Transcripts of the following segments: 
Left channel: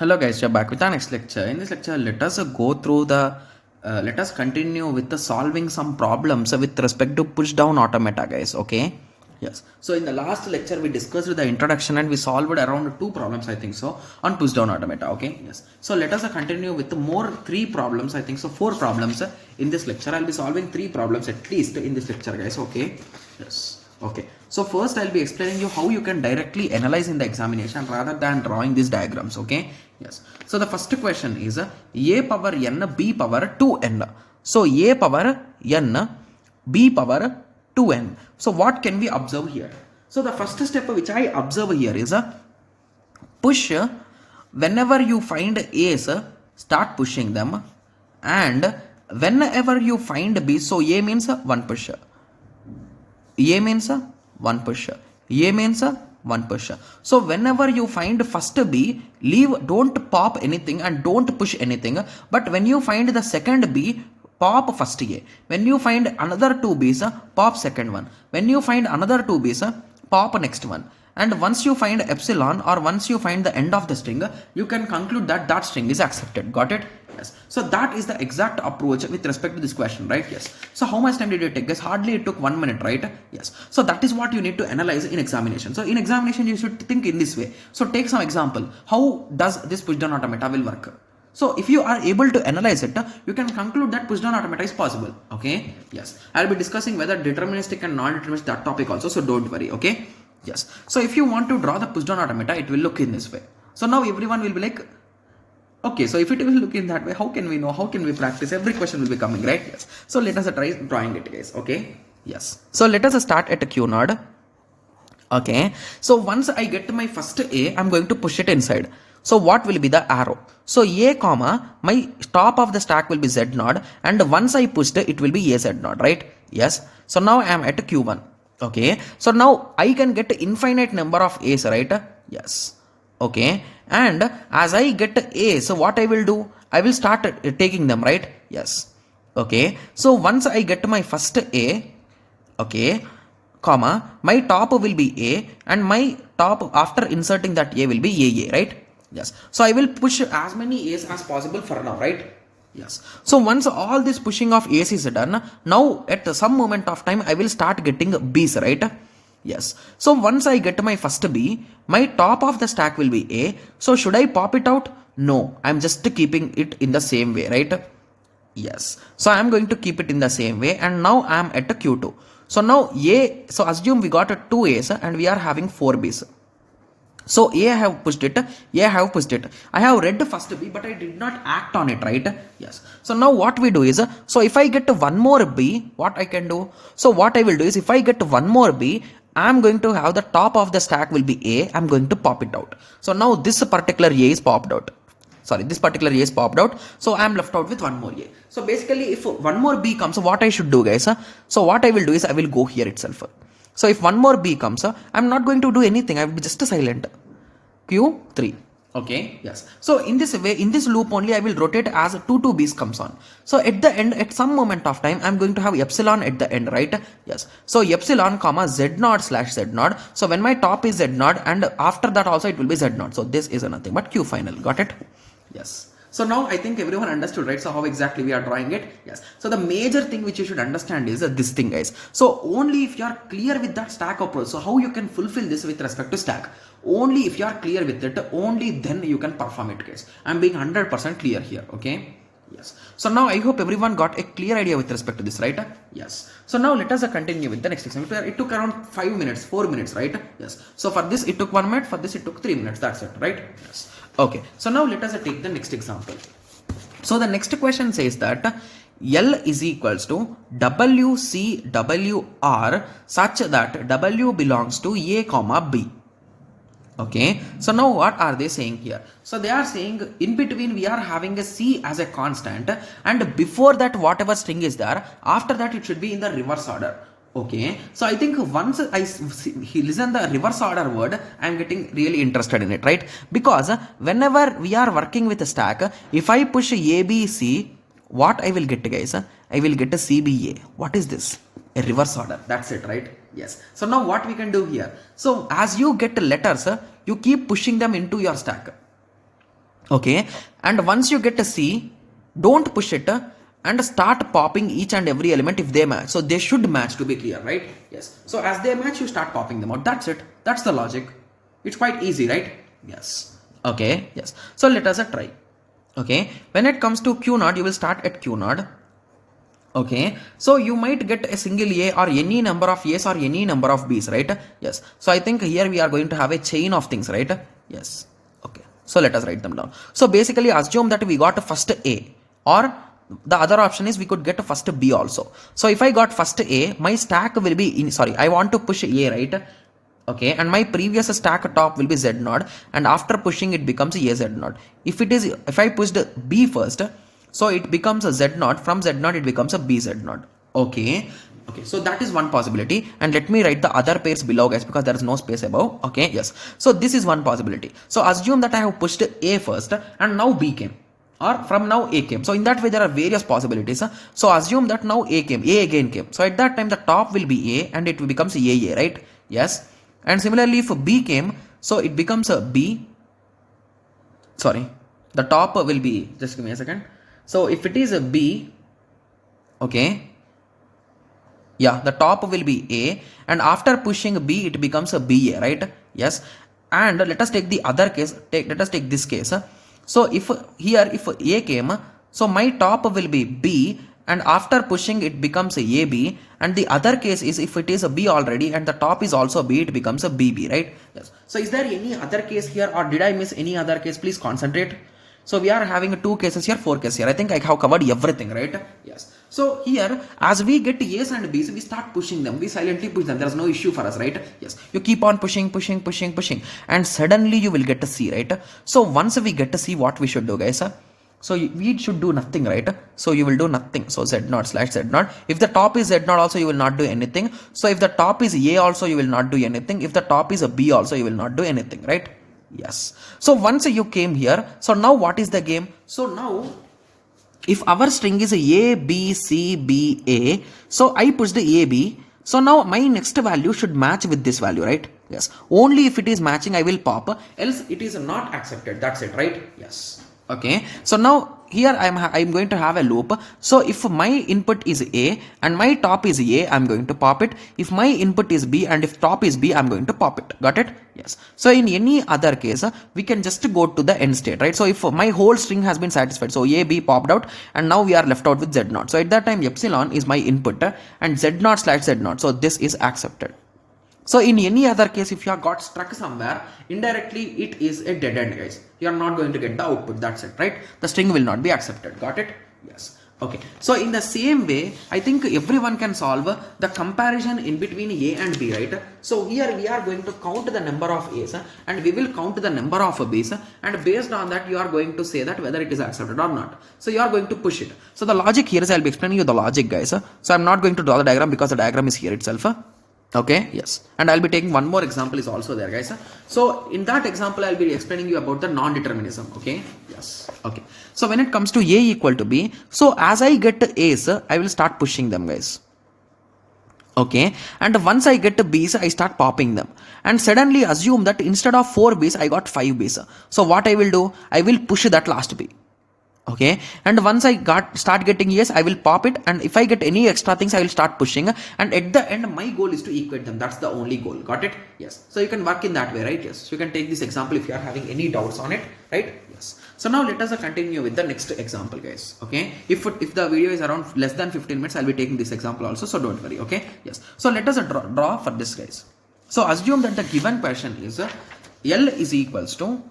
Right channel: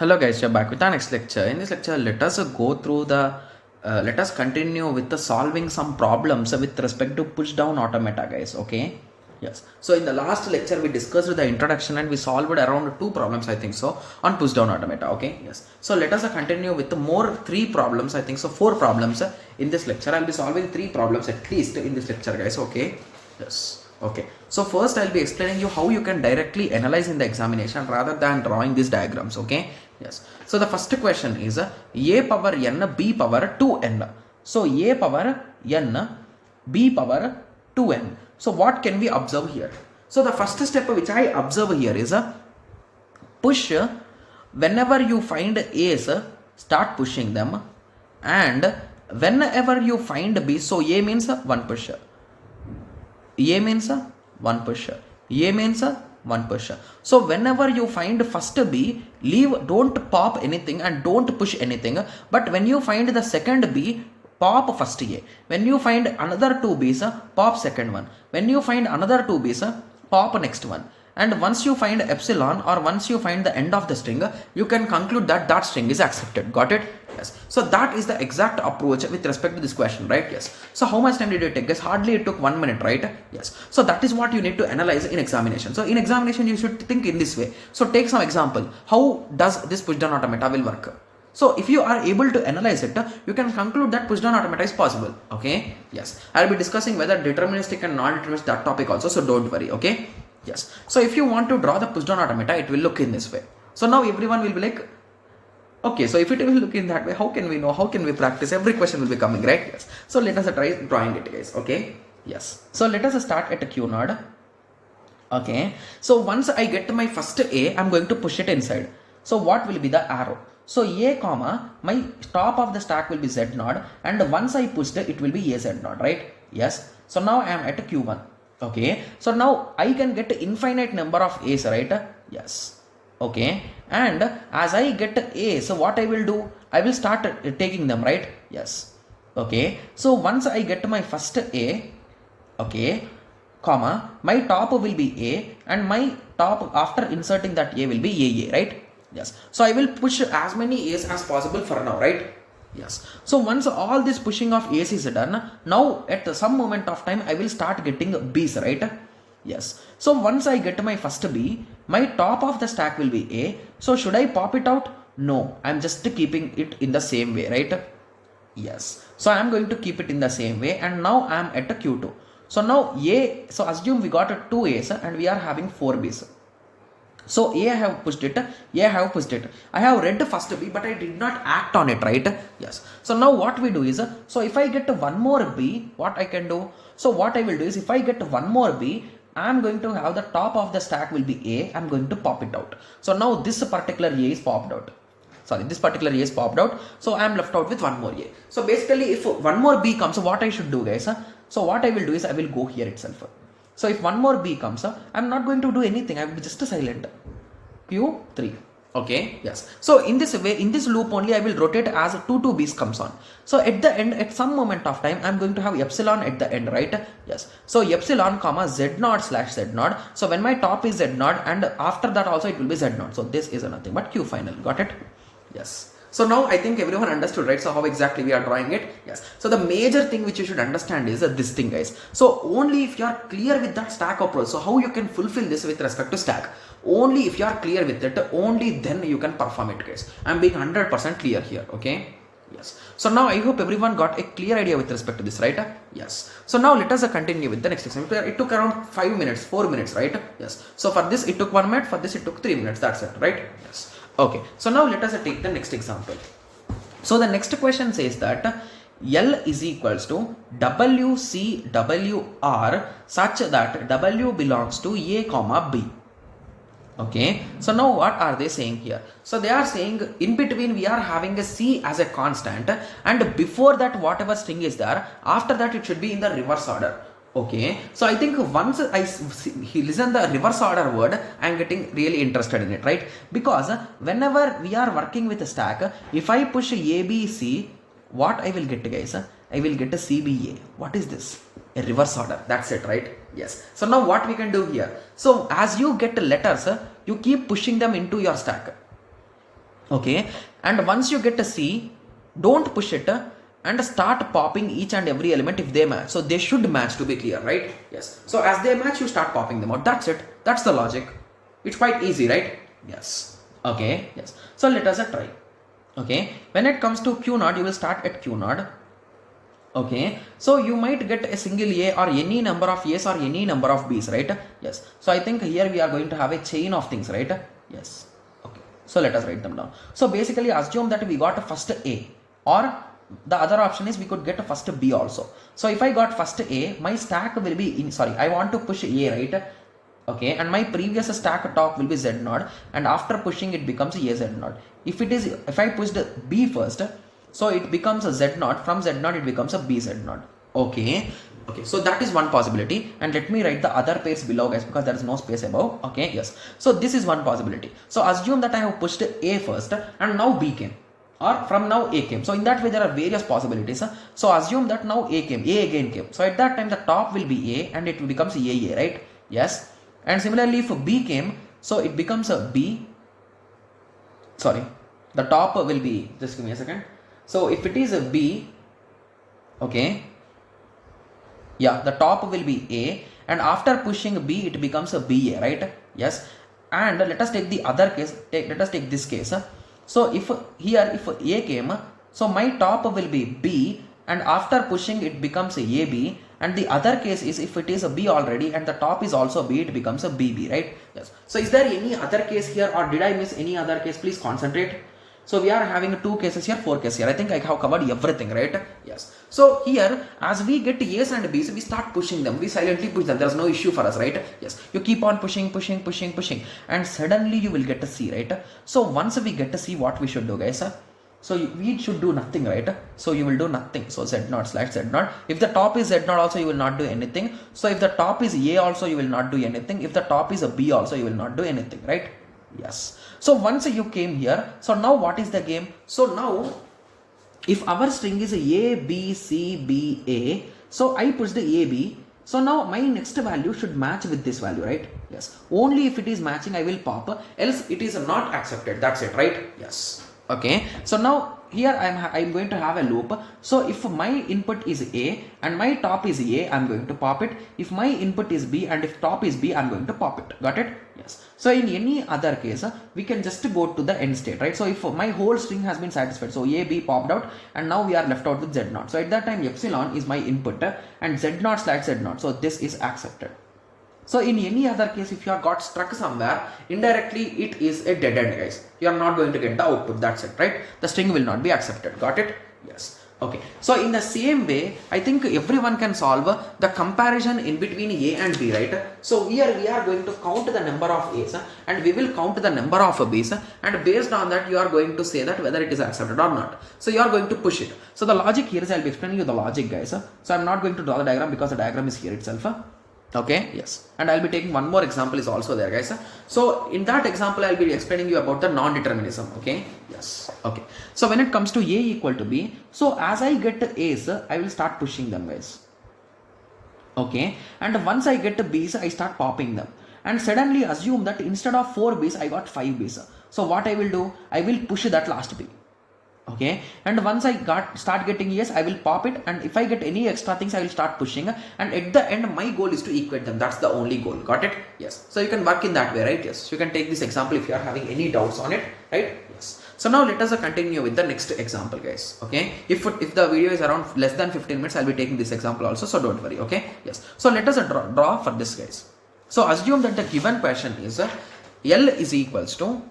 Hello guys, we're back with our next lecture. In this lecture, let us go through let us continue with the solving some problems with respect to push down automata, guys. Okay. Yes. So in the last lecture, we discussed the introduction and we solved around two problems, I think so, on push down automata. Okay. Yes. So let us continue with more three problems, I think so, four problems in this lecture. I'll be solving three problems at least in this lecture, guys. Okay. Yes. Okay. So first I'll be explaining you how you can directly analyze in the examination rather than drawing these diagrams. Okay. Yes. So the first question is a power n b power 2n. So a power n b power 2n. So what can we observe here? So the first step which I observe here is a push. Whenever you find A's, start pushing them, and whenever you find B, so A means one push, A means one push, A means one push. So whenever you find first B, don't pop anything and don't push anything. But when you find the second B, pop first A. When you find another two B's, pop second one. When you find another two B's, pop next one. And once you find epsilon or once you find the end of the string, you can conclude that that string is accepted. Got it? Yes. So that is the exact approach with respect to this question, right? Yes. So how much time did it take? Guys, hardly it took 1 minute, right? Yes. So that is what you need to analyze in examination. So in examination, you should think in this way. So take some example. How does this push down automata will work? So if you are able to analyze it, you can conclude that push down automata is possible. Okay. Yes. I'll be discussing whether deterministic and non-deterministic that topic also. So don't worry. Okay. Yes. So if you want to draw the push down automata, it will look in this way. So now everyone will be like, okay, so if it will look in that way, how can we know? How can we practice? Every question will be coming, right? Yes. So let us try drawing it, guys. Okay. Yes. So let us start at a Q node. Okay. So once I get my first A, I'm going to push it inside. So what will be the arrow? So A comma, my top of the stack will be Z node, and once I pushed it, it will be AZ node, right? Yes. So now I am at a Q1. Okay. So now I can get infinite number of A's, right? Yes. Okay. And as I get A, so what I will do? I will start taking them, right? Yes. Okay. So once I get my first A, okay, comma, my top will be A, and my top after inserting that A will be AA, right? Yes. So I will push as many A's as possible for now, right? Yes. So once all this pushing of A's is done, now at some moment of time I will start getting B's, right? Yes. So once I get my first B, my top of the stack will be A. So should I pop it out? No, I'm just keeping it in the same way, right? Yes. So I'm going to keep it in the same way, and now I'm at a Q2. So now A, so assume we got a 2 A's and we are having 4 B's. So A I have pushed it, A I have pushed it. I have read first B, but I did not act on it, right? Yes. So now what we do is, so if I get one more B, what I can do? So what I will do is, if I get one more B, I'm going to have the top of the stack will be A. I'm going to pop it out. So now this particular A is popped out. Sorry, this particular A is popped out. So I'm left out with one more A. So basically, if one more B comes, so what I should do, guys? So what I will do is, I will go here itself. So if one more B comes, I'm not going to do anything. I will be just silent. Q3. Okay. Yes. So in this way, in this loop only, I will rotate as 2 B's comes on. So at the end, at some moment of time, I'm going to have epsilon at the end, right? Yes. So epsilon comma Z naught slash Z naught. So when my top is Z naught, and after that also it will be Z naught. So this is nothing but Q final. Got it? Yes. So now I think everyone understood, right? So how exactly we are drawing it? Yes. So the major thing which you should understand is this thing, guys. So only if you are clear with that stack approach, so how you can fulfill this with respect to stack? Only if you are clear with it, only then you can perform it, guys. I'm being 100% clear here, okay? Yes. So now I hope everyone got a clear idea with respect to this, right? Yes. So now let us continue with the next example. It took around 5 minutes, 4 minutes, right? Yes. So for this it took 1 minute, for this it took 3 minutes. That's it, right? Yes. Okay. So now let us take the next example. So the next question says that L is equals to WCWR such that W belongs to A comma B. Okay, so now what are they saying here? So they are saying in between we are having a C as a constant, and before that whatever string is there, after that it should be in the reverse order. Okay, so I think once I listen the reverse order word, I am getting really interested in it, right? Because whenever we are working with a stack, if I push ABC, what I will get, guys? I will get a CBA. What is this? A reverse order. That's it, right? Yes. So now what we can do here? So as you get letters, you keep pushing them into your stack. Okay, and once you get a C, don't push it and start popping each and every element if they match. So they should match, to be clear, right? Yes. So as they match, you start popping them out. That's it. That's the logic. It's quite easy, right? Yes. Okay. Yes. So let us try. Okay. When it comes to Q naught, you will start at Q naught. Okay, so you might get a single A or any number of A's or any number of B's, right? Yes. So I think here we are going to have a chain of things, right? Yes. Okay. So let us write them down. So basically assume that we got a first A, or the other option is we could get a first B also. So if I got first A, my stack will be in, sorry, I want to push A, right? Okay, and my previous stack top will be Z naught, and after pushing it becomes a Z naught. If I pushed B first, so it becomes a Z naught. From Z naught it becomes a BZ naught. Okay. Okay, so that is one possibility, and let me write the other pairs below, guys, because there is no space above. Okay, yes. So this is one possibility. So assume that I have pushed A first and now B came, or from now A came. So in that way there are various possibilities. So assume that now A came, A again came. So at that time the top will be A and it becomes AA, right? Yes. And similarly if B came, so it becomes a B. Sorry, the top will be, just give me a second. So if it is a B, okay, yeah, the top will be A, and after pushing B, it becomes a BA, right? Yes. And let us take the other case. Let us take this case. So if here, if A came, so my top will be B, and after pushing it becomes a AB. And the other case is if it is a B already and the top is also B, it becomes a BB, right? Yes. So is there any other case here, or did I miss any other case? Please concentrate. So we are having 2 cases here, 4 cases here. I think I have covered everything, right? Yes. So here, as we get A's and B's, we start pushing them. We silently push them. There's no issue for us, right? Yes. You keep on pushing, and suddenly you will get a C, right? So once we get a C, what we should do, guys? So we should do nothing, right? So you will do nothing. So Z naught slash Z naught. If the top is Z naught also, you will not do anything. So if the top is A also, you will not do anything. If the top is a B also, you will not do anything, right? Yes. So once you came here, so now what is the game? So now, if our string is A, B, C, B, A, so I push the A, B. So now my next value should match with this value, right? Yes. Only if it is matching, I will pop. Else it is not accepted. That's it, right? Yes. Okay. So now here I'm going to have a loop. So if my input is A and my top is A, I'm going to pop it. If my input is B and if top is B, I'm going to pop it. Got it? Yes. So in any other case, we can just go to the end state, right? So if my whole string has been satisfied, so A, B popped out, and now we are left out with Z naught. So at that time, epsilon is my input and Z naught slash Z naught. So this is accepted. So in any other case, if you have got stuck somewhere, indirectly it is a dead end, guys. You are not going to get the output. That's it, right? The string will not be accepted. Got it? Yes. Okay. So in the same way, I think everyone can solve the comparison in between A and B, right? So here we are going to count the number of A's and we will count the number of B's, and based on that you are going to say that whether it is accepted or not. So you are going to push it. So the logic here is, I'll be explaining you the logic, guys. So I'm not going to draw the diagram because the diagram is here itself. Okay, yes. And I'll be taking one more example is also there, guys. So in that example, I'll be explaining you about the non-determinism. Okay, yes. Okay. So when it comes to A equal to B, so as I get A's, I will start pushing them, guys. Okay. And once I get B's, I start popping them. And suddenly assume that instead of 4 B's, I got 5 B's. So what I will do, I will push that last B. Okay, and once I start getting yes, I will pop it, and if I get any extra things, I will start pushing, and at the end my goal is to equate them. That's the only goal. Got it? Yes. So you can work in that way, right? Yes. So you can take this example if you are having any doubts on it, right? Yes. So now let us continue with the next example, guys. Okay, if the video is around less than 15 minutes, I'll be taking this example also, so don't worry. Okay, yes. So let us draw for this, guys. So assume that the given question is L is equals to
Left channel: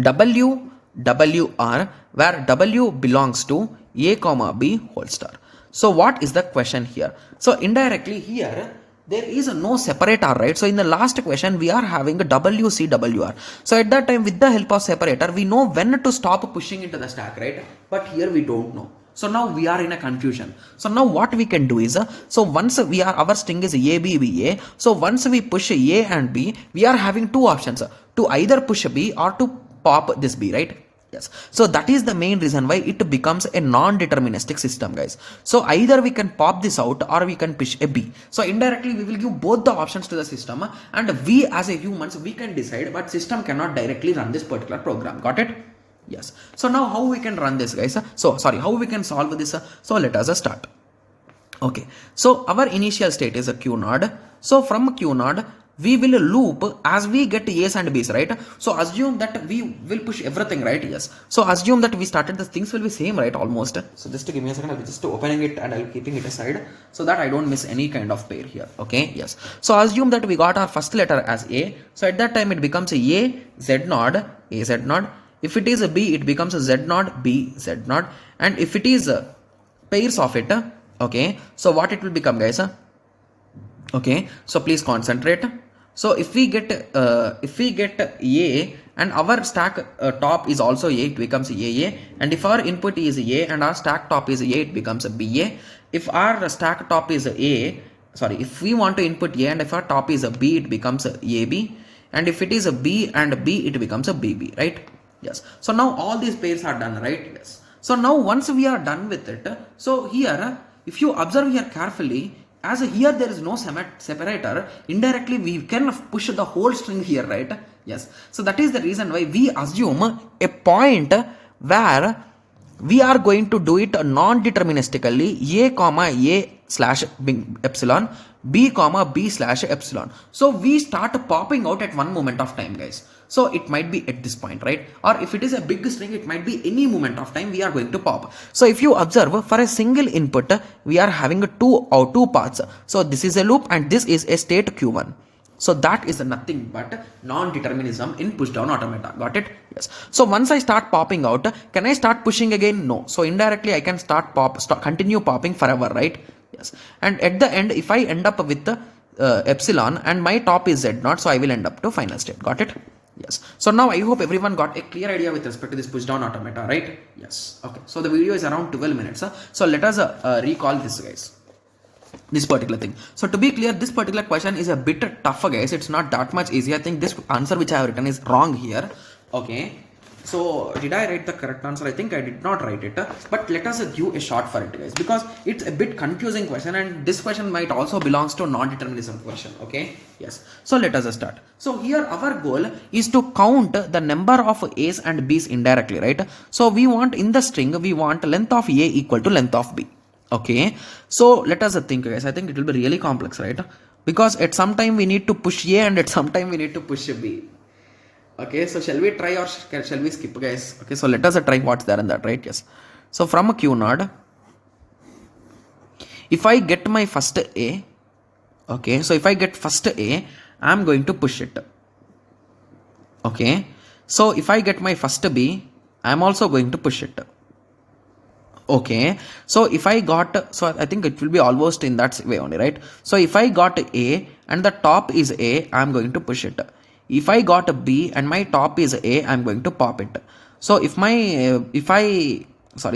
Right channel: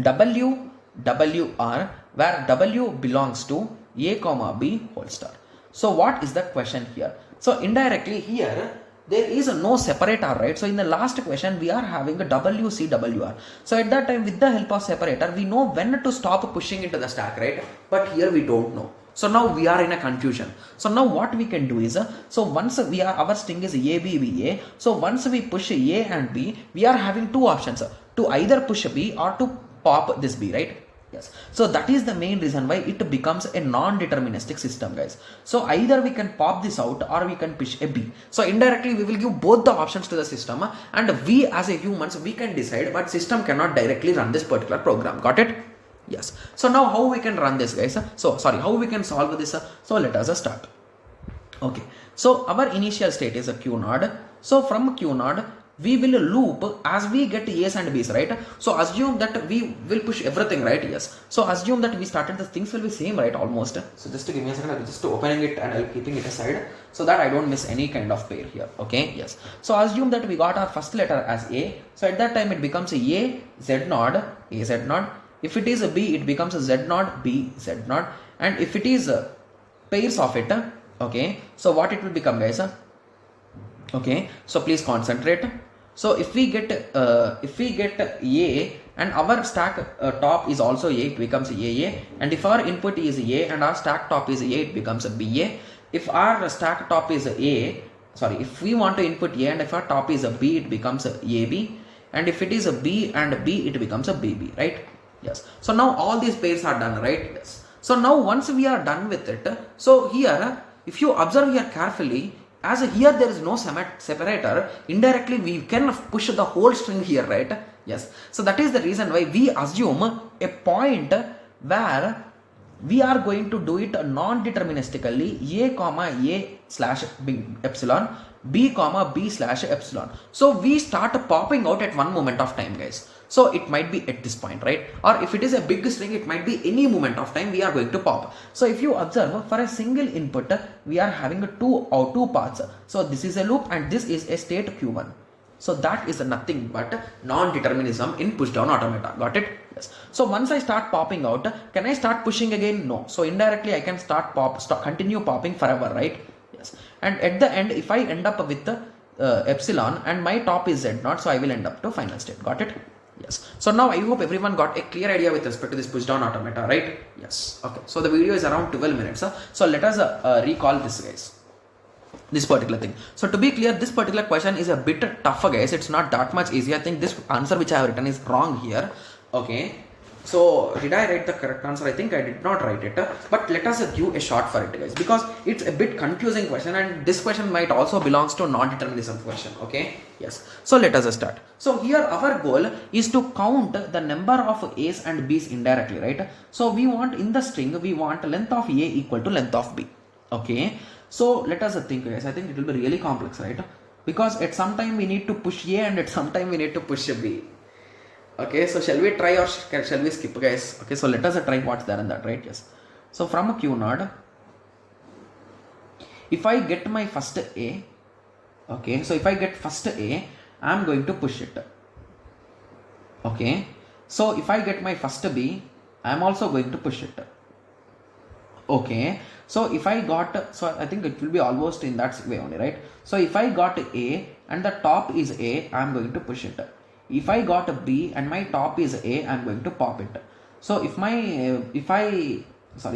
WR, where W belongs to A comma B whole star. So what is the question here? So indirectly here, there is no separator, right? So in the last question, we are having a WCWR. So at that time, with the help of separator, we know when to stop pushing into the stack, right? But here we don't know. So now we are in a confusion. So now what we can do is, so once our string is A, B, B, A. So once we push A and B, we are having two options, to either push B or to pop this B, right? Yes. So that is the main reason why it becomes a non-deterministic system, guys. So either we can pop this out or we can push a B. So indirectly we will give both the options to the system, and we as a humans, we can decide, but system cannot directly run this particular program. Got it? Yes. So now how we can run this, guys? So sorry, how we can solve this? So let us start. Okay. So our initial state is a Q node. So from Q node, we will loop as we get A's and B's, right? So assume that we will push everything, right? Yes. So assume that we started, the things will be same, right? Almost. So just to give me a second, I'll just opening it and I'll keeping it aside so that I don't miss any kind of pair here. Okay. Yes. So assume that we got our first letter as A. So at that time it becomes A, Z node, A, Z node. If it is a B, it becomes a Z node, B, Z node. And if it is pairs of it, okay. So what it will become, guys? Okay. So please concentrate. So if we get A and our stack top is also A, it becomes AA. And if our input is A and our stack top is A, it becomes a BA. If our stack top is A, sorry, if we want to input A and if our top is a B, it becomes a AB. And if it is a B and B, it becomes a BB, right? Yes. So now all these pairs are done, right? Yes. So now once we are done with it, so here, if you observe here carefully, as here there is no separator, indirectly we can push the whole string here, right? Yes. So that is the reason why we assume a point where we are going to do it non-deterministically, A comma A slash epsilon, B comma B slash epsilon. So we start popping out at one moment of time, guys. So it might be at this point, right? Or if it is a big string, it might be any moment of time we are going to pop. So if you observe, for a single input, we are having two paths. So this is a loop and this is a state Q1. So that is nothing but non-determinism in push down automata. Got it? Yes. So once I start popping out, can I start pushing again? No. So indirectly I can continue popping forever, right? Yes. And at the end, if I end up with the epsilon and my top is Z naught, so I will end up to final state. Got it? Yes. So now I hope everyone got a clear idea with respect to this push down automata, right? Yes. Okay. So the video is around 12 minutes. So let us recall this, guys. This particular thing. So to be clear, this particular question is a bit tougher, guys. It's not that much easy. I think this answer which I have written is wrong here. Okay. So did I write the correct answer? I think I did not write it. But let us give a shot for it, guys, because it's a bit confusing question, and this question might also belongs to non-determinism question. Okay. Yes. So let us start. So here our goal is to count the number of A's and B's indirectly, right? So we want in the string, we want length of A equal to length of B. Okay. So let us think, guys. I think it will be really complex, right? Because at some time we need to push A and at some time we need to push B. Okay, so shall we try or shall we skip, guys? Okay, so let us try what's there in that, right? Yes. So from a Q node, if I get my first A, okay, so if I get first A, I'm going to push it. Okay, so if I get my first B, I'm also going to push it. Okay, so if I got, so I think it will be almost in that way only, right? So if I got A and the top is A, I'm going to push it. If I got a B and my top is A, I'm going to pop it. So sorry,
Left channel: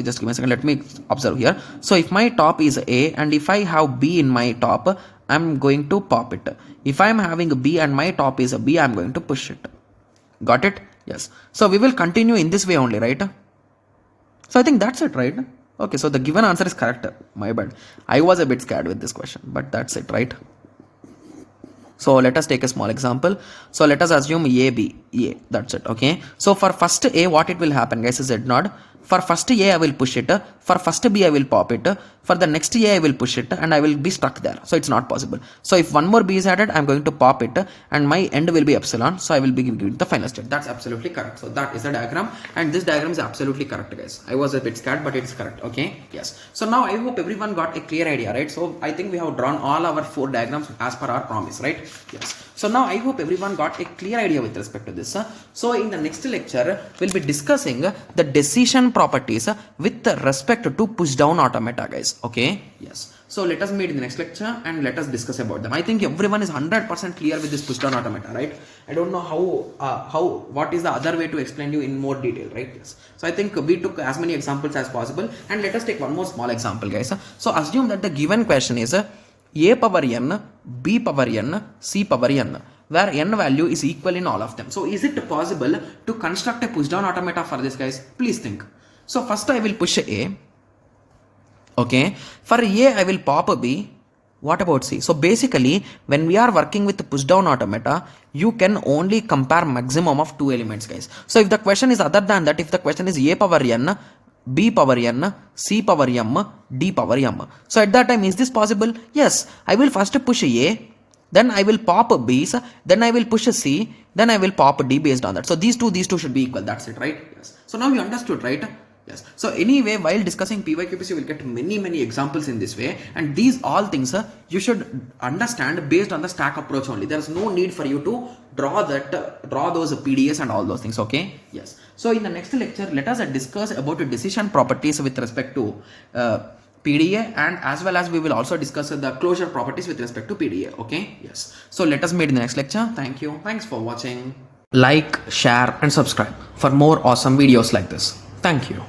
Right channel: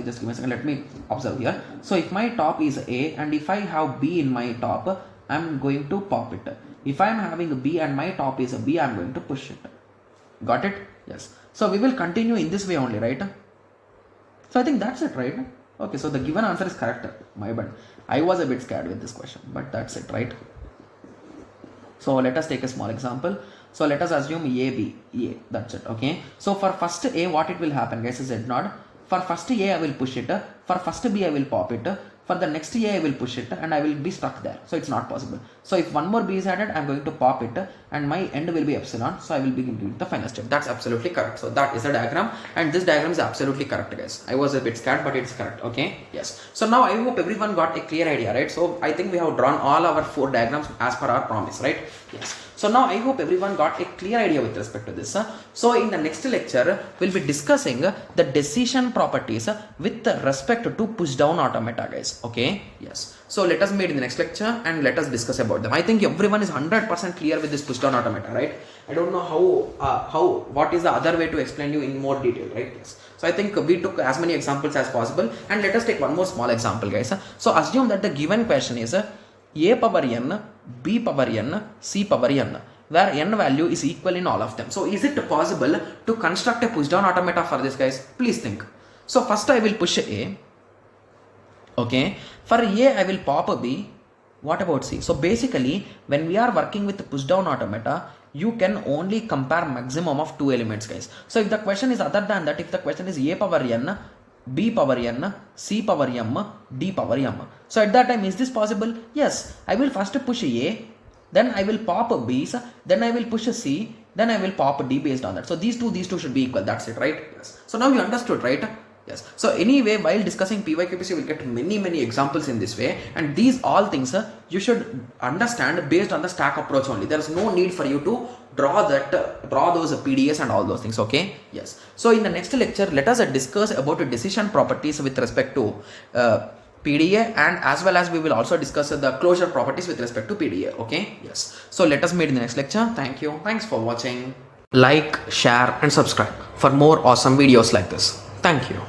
just give me a second, let me observe here. So if my top is A and if I have B in my top, I'm going to pop it. If I'm having a B and my top is a B, I'm going to push it. Got it? Yes. So we will continue in this way only, right? So I think that's it, right? Okay, so the given answer is correct. My bad. I was a bit scared with this question, but that's it, right? So let us take a small example. So let us assume A, B, A. That's it. Okay. So for first A, what it will happen, guys, is Z naught. For first A, I will push it. For first B, I will pop it. For the next A, I will push it and I will be stuck there. So it's not possible. So if one more B is added, I'm going to pop it and my end will be epsilon. So I will be giving the final state. That's absolutely correct. So that is the diagram, and this diagram is absolutely correct, guys. I was a bit scared, but it's correct. Okay. Yes. So now I hope everyone got a clear idea, right? So I think we have drawn all our 4 diagrams as per our promise, right? Yes. So now I hope everyone got a clear idea with respect to this. So in the next lecture, we'll be discussing the decision properties with respect to push down automata, guys. Okay. Yes. So let us meet in the next lecture and let us discuss about them. I think everyone is 100% clear with this push down automata, right? I don't know what is the other way to explain you in more detail, right? Yes. So I think we took as many examples as possible, and let us take one more small example, guys. So assume that the given question is A power n, B power n, C power n, where n value is equal in all of them. So is it possible to construct a push down automata for this, guys? Please think. So first I will push A. Okay, for A I will pop a B. What about C? So basically, when we are working with push down automata, you can only compare maximum of 2 elements, guys. So if the question is other than that, if the question is A power n, B power n, C power m, D power m. So at that time, is this possible? Yes, I will first push A, then I will pop B's, then I will push C, then I will pop D based on that. So these two should be equal. That's it, right? Yes. So now you understood, right? Yes. So anyway, while discussing PYQPC, you will get many examples in this way, and these all things you should understand based on the stack approach only. There is no need for you to draw those PDS and all those things. Okay. Yes. So in the next lecture, let us discuss about the decision properties with respect to PDA, and as well as we will also discuss the closure properties with respect to PDA. Okay. Yes. So let us meet in the next lecture. Thank you. Thanks for watching. Like, share, and subscribe for more awesome videos like this. Thank you.